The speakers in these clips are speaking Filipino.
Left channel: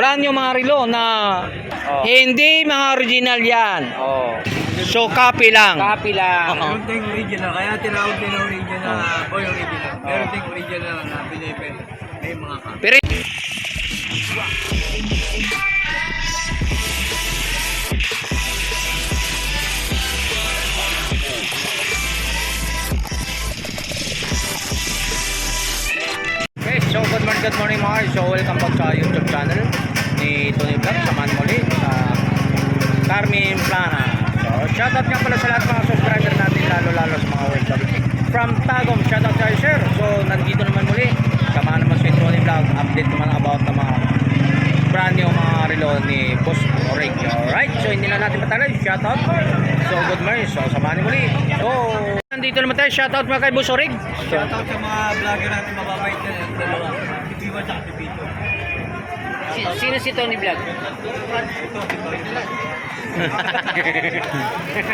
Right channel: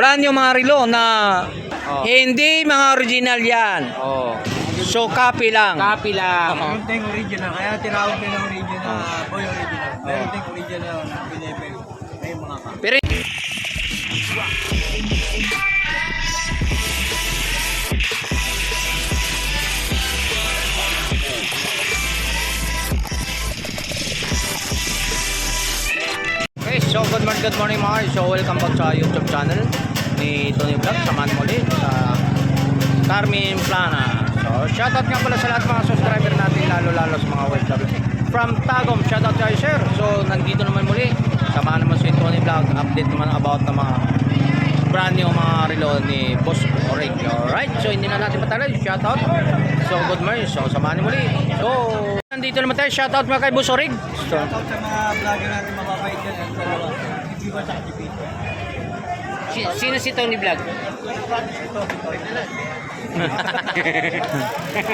brand new mga relo na hindi mga original yan. So copy lang. Copy lang. Meron tayong original, kaya tinawag din na original, boy original. Meron tayong original na binibili. May mga ka. Pero okay, so good morning mga guys. So welcome back sa YouTube channel ni Tony Vlog. Samahan muli sa Carmen Plana. So shoutout nga pala sa lahat mga subscriber natin, lalo sa mga OFW from Tagum. Shoutout kayo sir. So nandito naman muli. Samahan naman si Tony Vlog. Update naman about ng mga brand new mga relo ni Boss Orig. Alright, so hindi na natin patagal. Shoutout. So good morning. So samahan muli. So nandito naman tayo. Shoutout mga kay Boss Orig. So, Shoutout sa mga vlogger natin mababait dyan, yung dalawa. Si Piwan at si Pito. Sino si Tony Vlog? Ito, si Tony Vlog.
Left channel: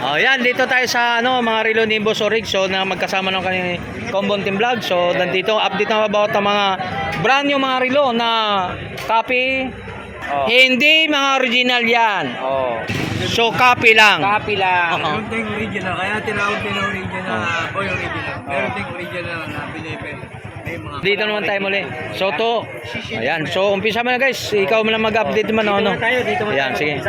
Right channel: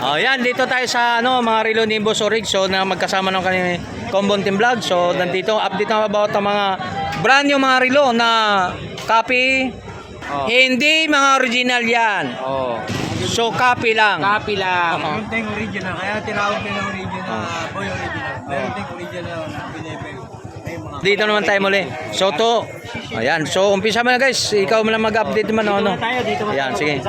oh, yan, dito tayo sa mga relo ni Boss Orig. So na magkasama ng kanyang Combon Team Vlog. So nandito update na about ang mga brand new mga relo na copy. Hindi mga original yan. So copy lang. Copy lang. Meron tayong original, kaya tinawag din na original, boy original. Meron tayong original na binibili. May mga ka. Dito naman tayo muli. So to, ayan. So umpisa mo na guys. Ikaw mo lang mag-update naman. Ayan, sige.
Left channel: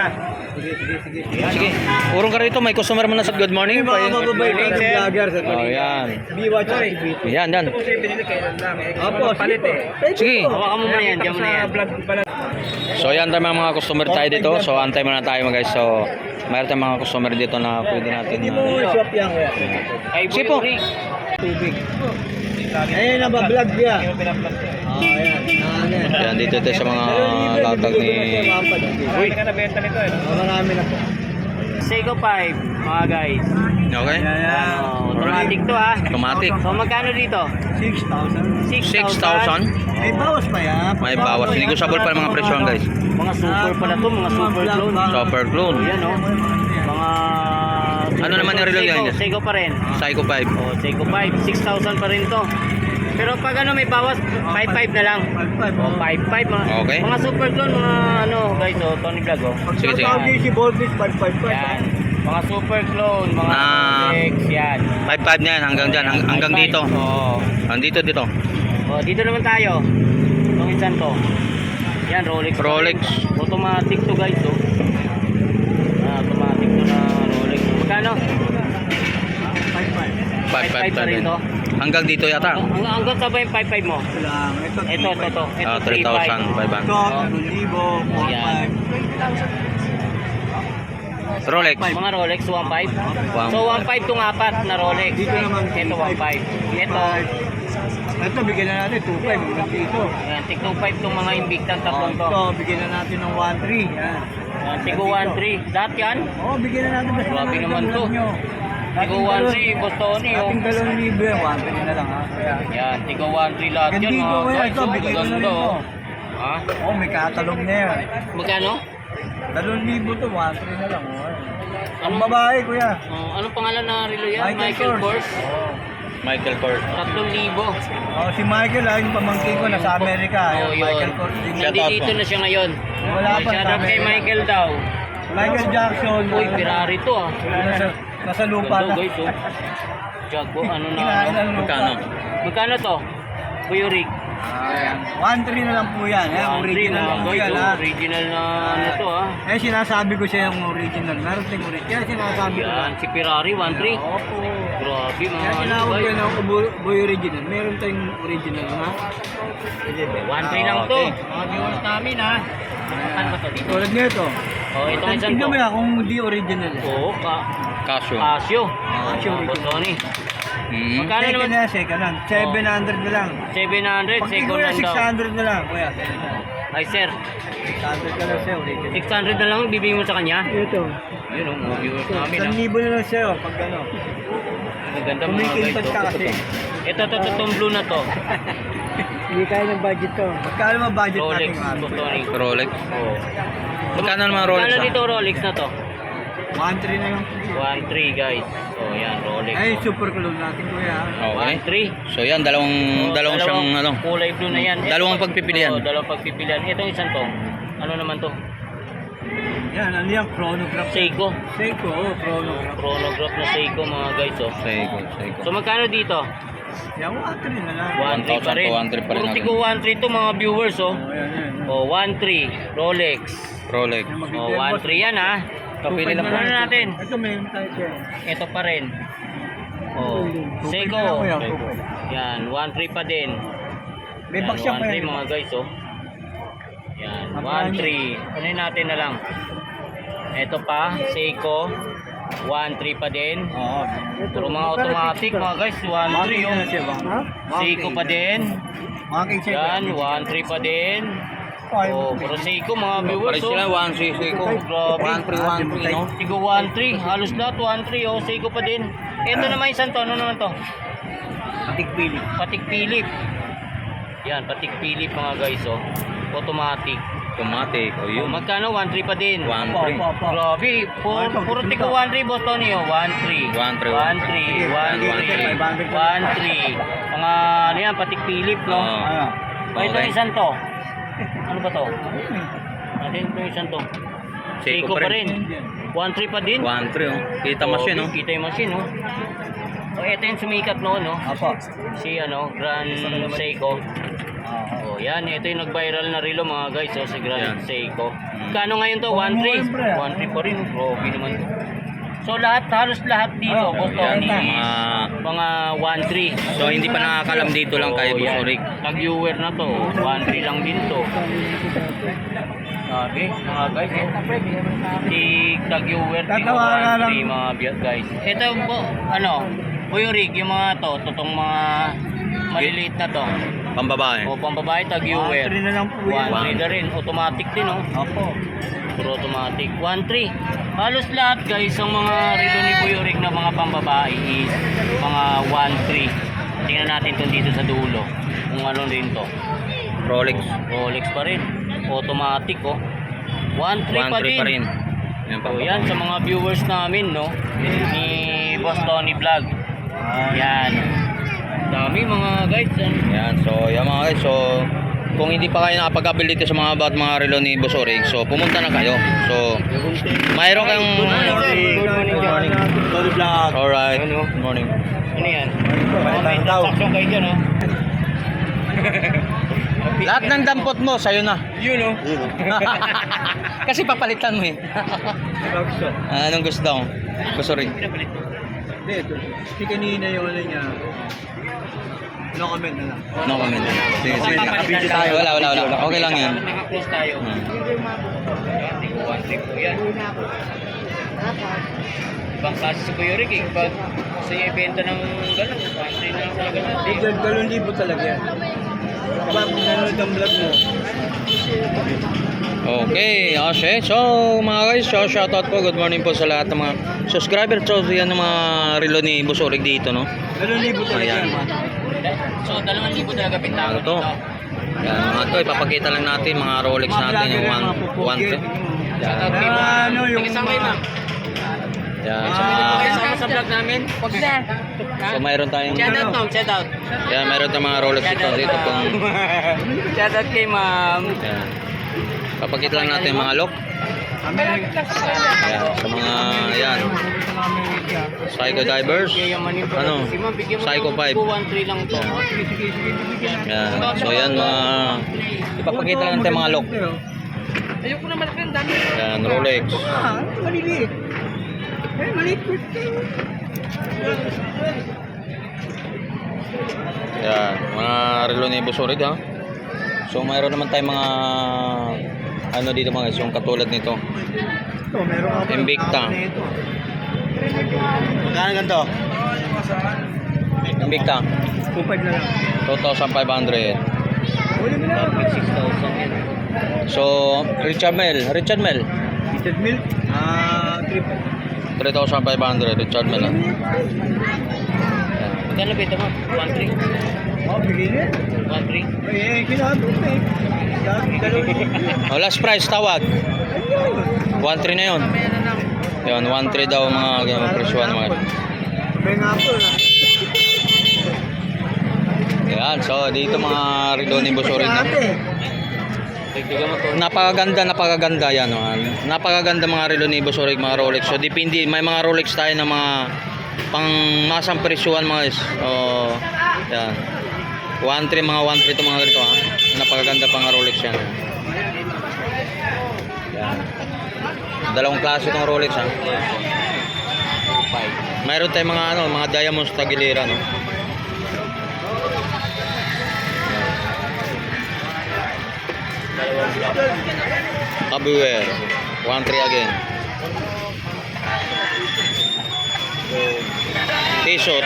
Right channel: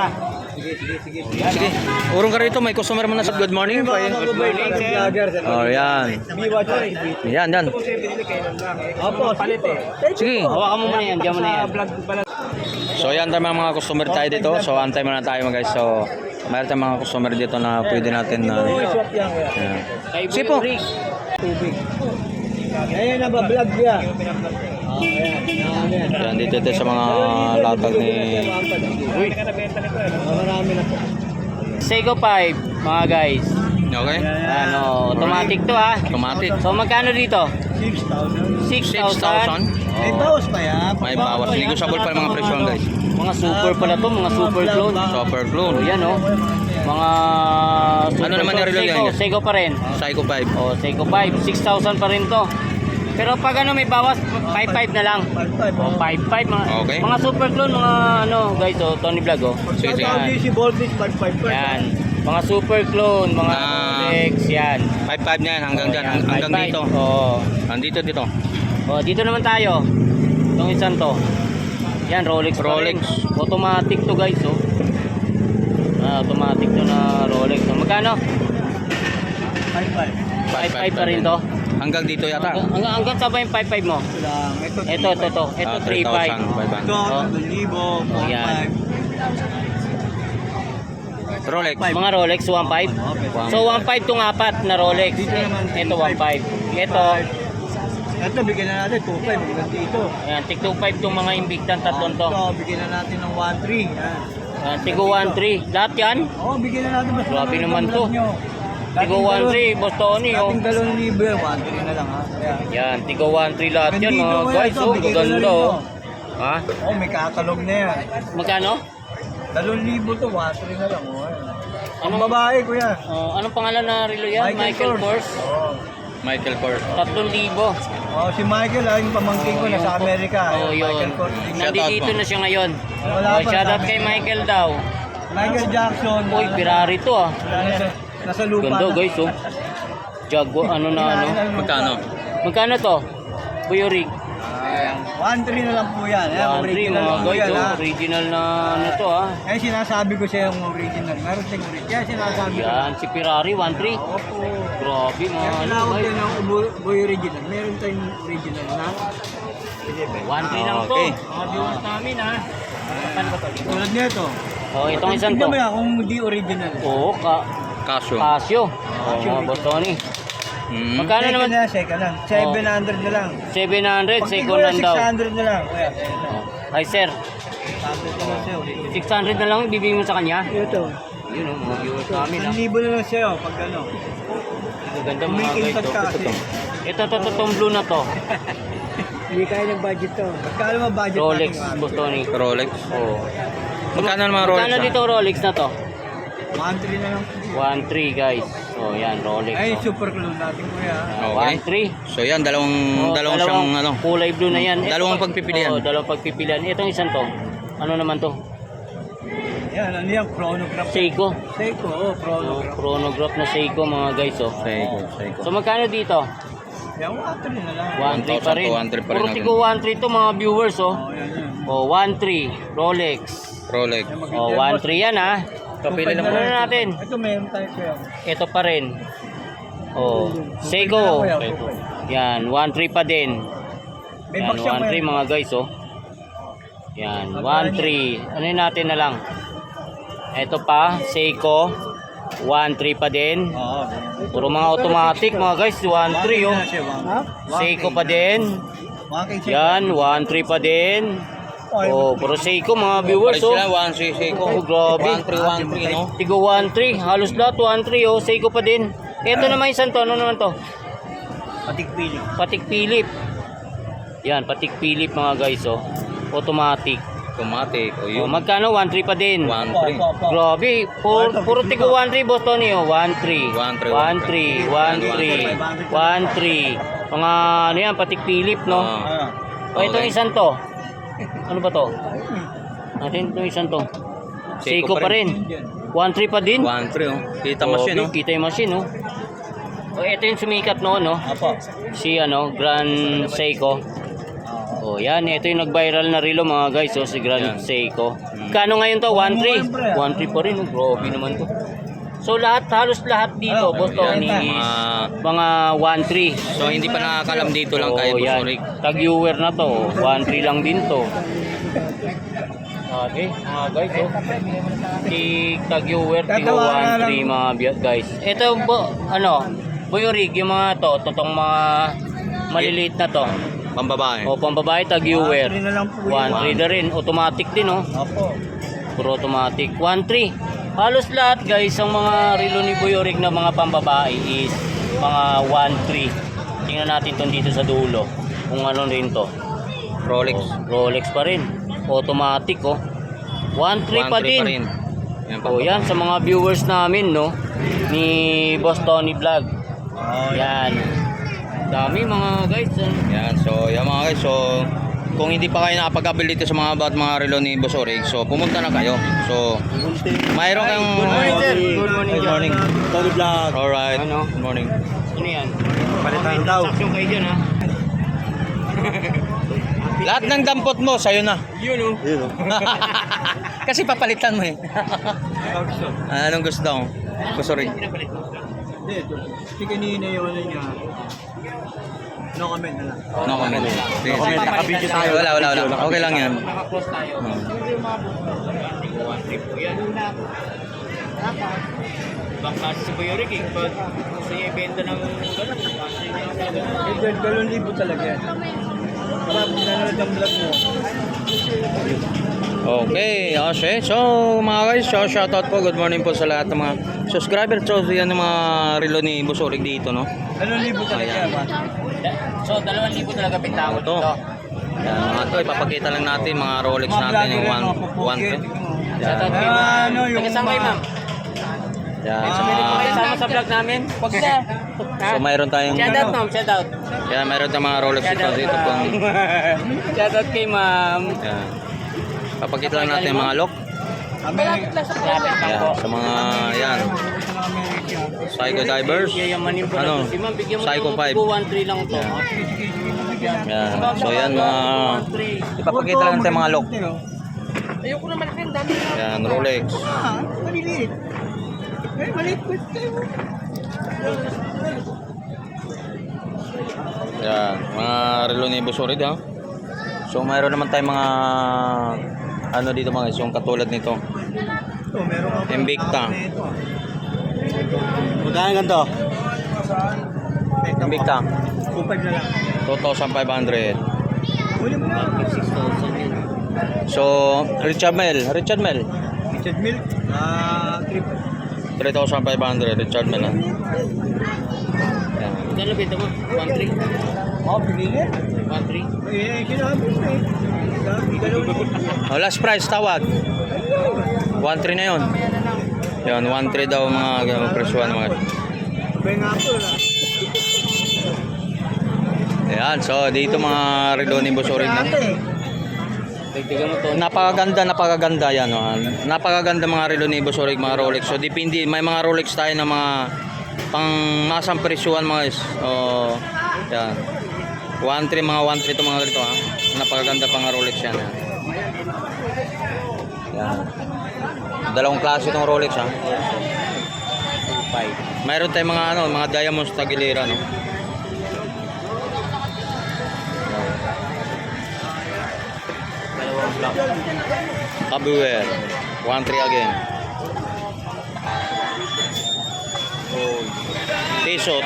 Sige. Urong ka rito, may customer mo na sa good morning. Mga mababait na vlogger. Oh, yan. Piwan at si Pito. Yan, yan. Ito po siya binili kailan lang. Opo, palit eh. Sige. Hawakan mo muna yan. Diyan mo na yan. Sa vlog pala. So yan tayo mga customer tayo dito. So antay muna tayo mga guys. So mayroon tayong mga customer dito na pwede natin na Swap yan, kuya. Kay Boy Sipo. Orig. Tubig. Ayun na ba vlog niya? Ayan. Ayan dito tayo sa mga latag ni Uy, karabenta nito eh. Marami na po. Seiko 5, mga guys. Okay? Ano, automatic to ha. Automatic. So magkano dito? 6,000. 6,000. May bawas pa yan. May bawas. Negotiable pa ng mga presyon guys. Mga super pala to, mga super clone. Super clone. Yan oh. Mga Ano naman yung relo yan, guys? Seiko pa rin. Psycho 5. Oh, Seiko 5, 6,000 pa rin to. Pero pag ano may bawas, 5,500 na lang. 5,500 mga. Okay. Mga super clone, mga ano guys, oh, Tony Vlog oh. Sige, sige. Pag si Voltis, 5,500. Yan. Mga super clone, mga Na- Rolex, yan. 5,500 na yan hanggang dyan. Hanggang 5,500. dito. Oo. Dito. Oh, dito naman tayo. Itong isang to. Yan, Rolex. pa Rolex. rin. Automatic to guys, oh. Automatic to na Rolex. Magkano? 5,500. 5,500 pa rin to. Hanggang dito yata. Hanggang sa ba yung 5,500 mo? Ito lang. Ito, Ito. Ito 3,500. Ito, 2,000, 4,500. Rolex. Mga Rolex 1,500. So 1,500 tong apat na Rolex. Dito naman, Ito 1,500. Ito, Ito, bigyan na natin 2,500. Hanggang dito. ayan, tig 2,500 tong mga Invictan tatlong to. Ito, bigyan na natin ng 1,300. Yan. Tigo 1,300. Lahat yan? Oo, bigyan na natin. Basta Grabe lang naman ang to. vlog nyo. Tigo 1,300, Boss Tony oh. Dating 2,000 yan, 1,300 na lang ha. Kaya, Yan, tigo 1,300 lahat yan Ganito, mga kuya, guys. ito, Oh, bigay ko na ganda rin oh. to. Ha? oh, may katalog na yan. Magkano? 2,000 to, 1,300 na lang. Oh. Ang babae, kuya. Oh, anong pangalan na relo yan? Michael Kors. Oh. Michael Kors. 3,000. Oh, si Michael, yung pamangkin ko, nasa Amerika. Oh, Yung Michael Kors. Shout out Nandito po. na siya ngayon. Wala Oh, pa shout sa out kay Amerika. Michael daw. Michael Jackson. Uy, Ferrari to ah. Nasa lupa Ganda na. guys oh. Jaguar, ano na ano. Magkano? Magkano to? Kuya Rick. 1,300 na lang po yan. Original mga lang po guys yan. oh. Ha? Original na ano to ah. Sinasabi ko siya yung original. Meron din original. Kaya sinasabi ko Yan, lang. si Ferrari 1,300. Opo. Grabe mga Kaya ano tinawag ko guys. ng boy original. Meron tayong original na. 1,300 lang to. okay. Mga viewers namin ha. Ano ba to dito? Tulad nito. Oh, itong isang Tingnan to. mo yan kung hindi original. Oo, Casio. Casio. Casio. Boss Tony. Hmm. Magkano Second naman? na, second lang. 700 na lang. 700, Pag second kuya, hand daw. 600 na lang. Kuya, Ay sir, 600 na lang sa'yo. Original. 600 na lang bibigyan mo sa kanya? Ito. Yun o, mga viewers namin ha. 1,000 na lang sa'yo pag ano. Maganda mga Kumikintat guys. ka kasi. Ito, itong blue na to. Hindi kaya ng budget to. Magkano ba budget Rolex, natin? Boss Tony. Rolex. Oo. Magkano naman Rolex? Magkano dito Rolex na to? 1,300 na lang. 1,300 guys. Oh, yan, Rolex. Ay, super clone natin kuya. Okay. 1,300. So yan, dalawang siyang ano. Kulay blue na yan. Dalawang pagpipilian. Oo, dalawang pagpipilian. Itong isang to. Ano naman to? Yan, ano yan? Chronograph. Seiko. Seiko, chronograph. Chronograph na Seiko mga guys, oh. Seiko, Seiko. So magkano dito? Yan, 1-3 na lang. 1.3 pa rin. 1,000 to 1,300 pa rin Puro natin. tigo 1.3 to mga viewers, oh. Yan, yan. Oh, 1.3 Rolex. Rolex. Yan, Oh, 1.3 yan ah. Ito, pili lang po. Ano natin? Ito, meron tayo siya. Ito pa rin. Oh, Seiko. Seiko. Yan, 1.3 pa din. May Yan, box siya 1.3 mga guys, oh. Yan, 1.3. Ano yun natin na lang? Ito pa, Seiko. 1.3 pa din. Oo. Puro mga automatic mga guys, 1.3 oh. Ha? Seiko pa din. Yan, 1.3 pa din. Oh, puro Seiko mga viewers, Pares oh. sila, 1 Seiko. Oh, grabe. 1,313, no? Tigo 1.3, halos lahat 1.3 oh, Seiko pa din. Ito naman isang to, ano naman to? Patik pili. Patik Philip. Yan, Patik Philip mga guys, oh. Automatic. Automatic. O Oh, yun. magkano? 1.3 pa din. 1,300. Grabe, puro tigo 1.3 boss Tony, oh. 1.3. 1,300. 1.3. Mga ano yan, Patik Philip, no? Ah. Oh, ito Okay. isang to. Ano ba to? Natin ito isang to. Seiko pa rin. 1.3 pa din. 1,300, oh. Kita mas yun, no? Kita yung machine, no? So, ito yung sumikat noon, no? Apo. Si, ano, Grand Seiko. Oh, yan. Ito yung nag-viral na relo, mga guys. Oh, si Grand Yan. Seiko. Kano ngayon to? 1.3. 1.3 pa rin. Grabe naman to. So, halos lahat dito. Ano? Boss Yan, Tony, mga... 1.3. So, hindi pa nakakalam dito lang kay Oh, yan. Busorig. Tag-viewer na to. 1.3 lang din to. Okay, mga guys. Tag-viewer, Tatawaran lang. 1.3 mga guys. Ito yung, ano, Buyorig, yung mga to, totong mga maliliit na to. Pambabae. O, pambabae, tag-viewer. 1-3 na lang po yun. 1.3 na rin, automatic din, oh. Apo. Puro automatic. 1.3. Halos lahat guys, ang mga relo ni Buyorig na mga pambabae is mga 1.3. Tingnan natin itong dito sa dulo. Kung ano rin to. Rolex. Rolex pa rin. Automatic, oh. 1.3 pa 1,300 din. pa rin. Yan, So yan, sa pambabae. mga viewers namin, no, ni Boss Tony Vlog. Yan. Dami mga guys. Yan, so yan mga guys. So, kung hindi pa kayo nakapag-avail dito sa mga relo ni Busorig, so pumunta na kayo. So, mayroon kayong... Good morning. Tony Vlog. Alright, Ano? good morning. Ano yan? Palitan daw. Transaction kayo dyan, ha? Lahat ng dampot mo, sa'yo na. Yun, oh. Kasi papalitan mo eh. Anong gusto mo? Busorig. Hindi, si kanina yung ano niya. No comment na lang. No comment. Sige. Nakabidyo tayo. Wala. Okay lang yan. Naka-close tayo. Hmm. One trip po yan. Kasi sa Buyorig, eh. Pag gusto niya ibenta ng gano'n, kasi lang talaga natin. 2,000 talaga yan. Kapag nanonood ang vlog mo. Okay, okay. So, mga guys, so shoutout po. Good morning po sa lahat ng mga subscriber. So, yan ang mga relo ni Busorig dito, no? 2,000 talaga Ayan. yan. So, 2,000 talaga bintang Ano to? Yan, mga to, ipapakita lang natin mga Rolex natin yung 1 Yan. Ano yung Isang kayo, ma'am. Yan, sa mga... Kasama sa vlog namin. Wag na. So, mayroon tayong... Shout out, ma'am. Shout out. Yan, mayroon tayong mga Rolex dito pong... Shout out kay ma'am. Yan. Papakita lang natin yung mga lock. Amerika. Yan, sa mga... Yan. Psycho Divers. Ano? Psycho 5. 213 lang to. Yan. Yan. So, yan mga... Ipapakita lang natin yung mga lock. Ayoko na malaki ang dami. Yan, Rolex. Ah, maliliit. Eh, maliit kayo. Yan, mga relo ni Busorig, ha. So mayroon naman tayong mga ano dito mga guys, yung katulad nito. Ito, meron ka pa. Invicta. Magkano ganito? Invicta, 2,500 na lang. 2,500. Huli mo na. 6,000 yan. So, Richard Mille, Richard Milk. 3,500, Richard Mille, ha. Yan. Magkano bita mo? 1,300? Oh, bigyan. 1,300? Eh, kinabi mo eh. Oh, last price, tawag. 1,300 na yun. Yan, 1,300 daw mga presyuhan mga. Sabay nga po na. Yan, so dito mga relo ni Busorig na. Tignan mo to. Napakaganda yan. Oh. Napakaganda mga relo ni Boss Orig, mga Rolex. So depende, may mga Rolex tayo na mga pang masang presyuhan mga guys. Oh, yan. 1.3 mga 1.3 ito mga ganito ha. Napakaganda pang Rolex yan. Yan. Dalawang klase itong Rolex ha. Mayroon tayong mga mga diamonds tagilera no. Kabuwer 1.3 again. T-shot.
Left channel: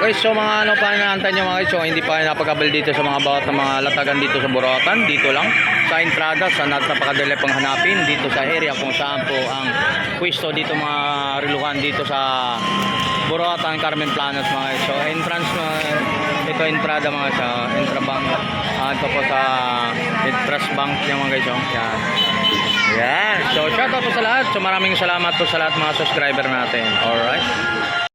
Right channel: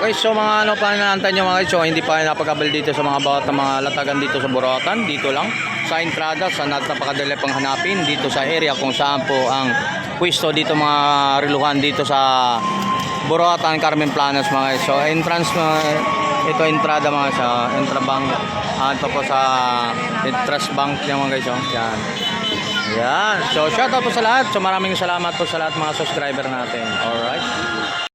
Okay, so mga pa inaantay nyo mga guys, so hindi pa napag-abel dito sa mga bawat na mga latagan dito sa Burautan, dito lang sa entrada, sa napakadali pang hanapin dito sa area kung saan po ang pwesto dito mga riluhan dito sa Burautan, Carmen Planas mga guys. So entrance ito entrada mga sa Entrabank, ito po sa Trust Bank yan mga guys. So, yan. Yan. So shoutout po sa lahat. So maraming salamat po sa lahat mga subscriber natin. Alright.